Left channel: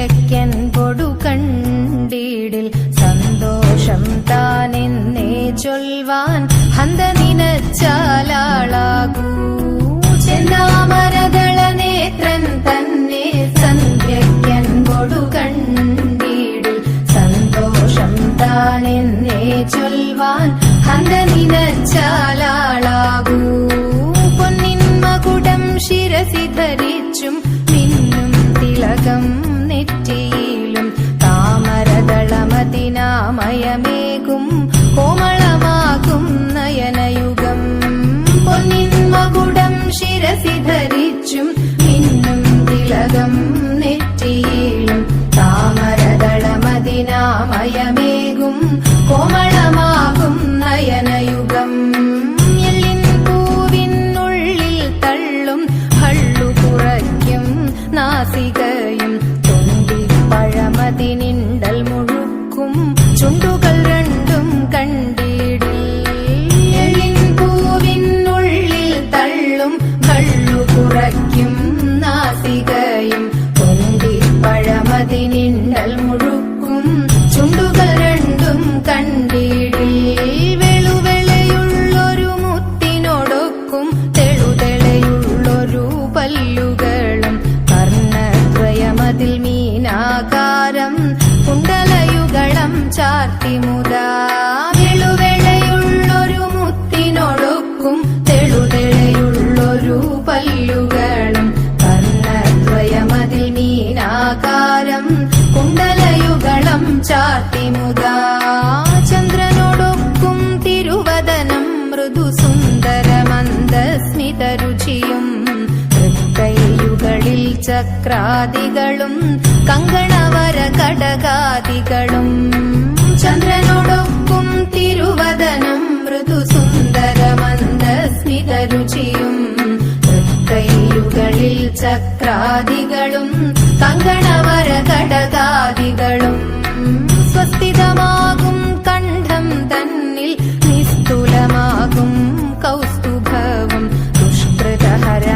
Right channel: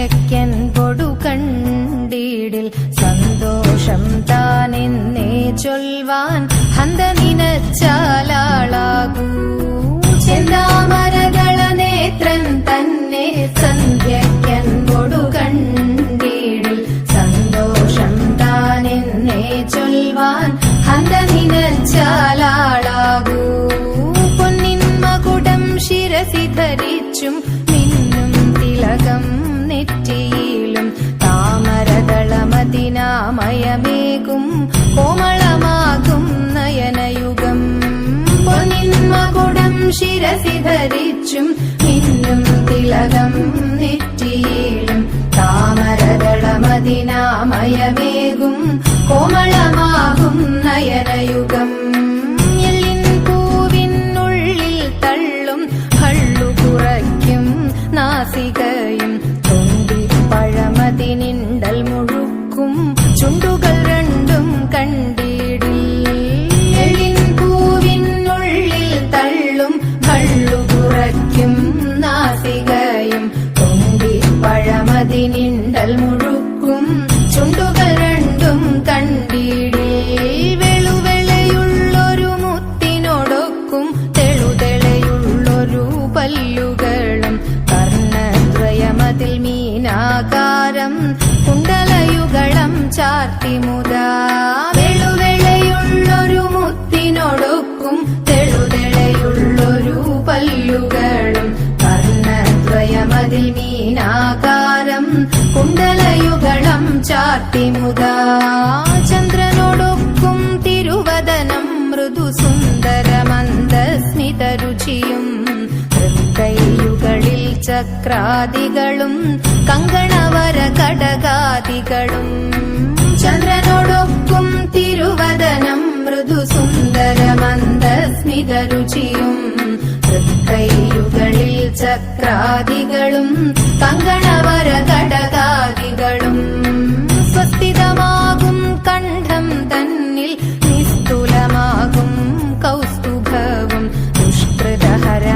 സന്ധ്യയ്ക്കൻ പൊടു കണ്ടീടിൽ സന്തോഷം താനെന്നേ ചൊൽവാൻ ഹന്ത നിനച്ചാലാളാകൂ ചെന്താമരദള നേത്രൻ തന്നെ സന്ധ്യയ്ക്കൻ പൊടു കണ്ടീടിൽ സന്തോഷം താനെന്നേ ചൊൽവാൻ ഹന്ത നിനച്ചാലാളാകൂ പൊന്നിൻ മകുടം ശിരസി ധരിച്ചും മിന്നും തിലകം നെറ്റിയിലും താമരദളമതിനാമയമേകും കോമളമാകും നയനയുഗം പൊന്നിൻ മകുടം ശിരസി ധരിച്ചും മിന്നും തിലകം നെറ്റിയിലും താമരദളമതിനാമയമേകും കോമളമാകും നയനയുഗം എല്ലിൻ പൂവിനുള്ളിൽ തള്ളും ഭള്ളു കുറയ്ക്കും നാസികയും തൊണ്ടിപ്പഴമതിനിണ്ടൽ മുഴുക്കും ചുണ്ടുകൾ രണ്ടും കണ്ടിടിൽ എല്ലിൻ പൂവിനുള്ളിൽ തള്ളും ഭള്ളു കുറയ്ക്കും നാസികയും തൊണ്ടിപ്പഴമതിനിണ്ടൽ മുഴുക്കും ചുണ്ടുകൾ രണ്ടും കണ്ടിടിൽ വെളുവെളയുള്ളൊരു മുത്തിനോടൊക്കും തെളുതെളയുള്ളൊരു പല്ലുകളും കർണദ്വയമതിൽ മീനാകാരം കുണ്ടലയുഗളം ചാർത്തിമുതാ വെളുവെളയുള്ളൊരു മുത്തിനോടൊക്കും തെളുതെളയുള്ളൊരു പല്ലുകളും കർണദ്വയമതിൽ മീനാകാരം കുണ്ടലയുഗളം ചാർത്തിമുതാ ചന്ദ്രനോടൊക്കും തിരുവദനം മൃദു സുന്ദരമന്ദസ്മിതരുചിയും തൃക്കൈയുകളിൽ ചക്രാദികളും കങ്കണവര കടകാദികളും ചന്ദ്രനോടൊക്കും തിരുവദനം മൃദു സുന്ദരമന്ദസ്മിതരുചിയും തൃക്കൈയുകളിൽ ചക്രാദികളും കങ്കണവര കടകാദികളും സ്വസ്ഥിതമാകും കണ്ഠം തന്നിൽ നിസ്തുലമാകും കൗസ്തുഭവും ദുഷ്കൃതഹര